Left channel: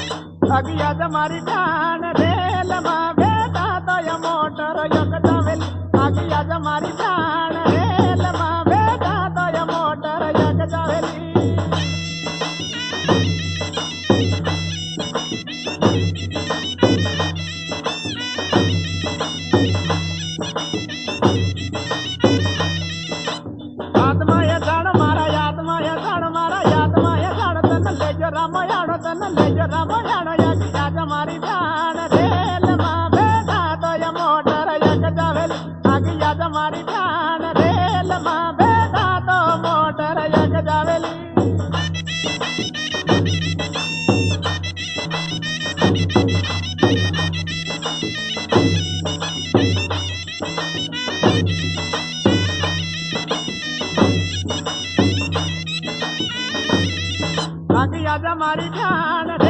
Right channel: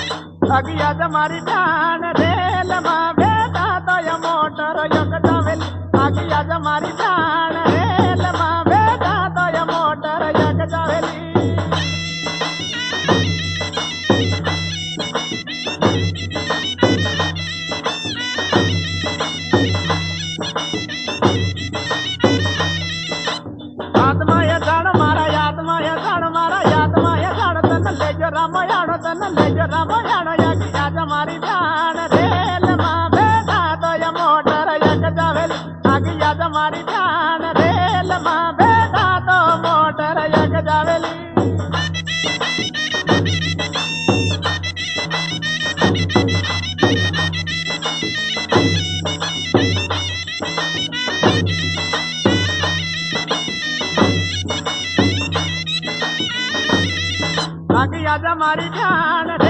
अगिया जमारी जान रेल मां बेटा तो ये मोटर यक जावेली अगिया जमारी जान रेल मां बेटा तो ये मोटर यक जावेली रामायण तन ले जो रामायण यगिया जमारी जान रेल मां बेटा तो ये मोटर यक जावेली अगिया जमारी जान रेल मां बेटा तो मोटर यक जावेली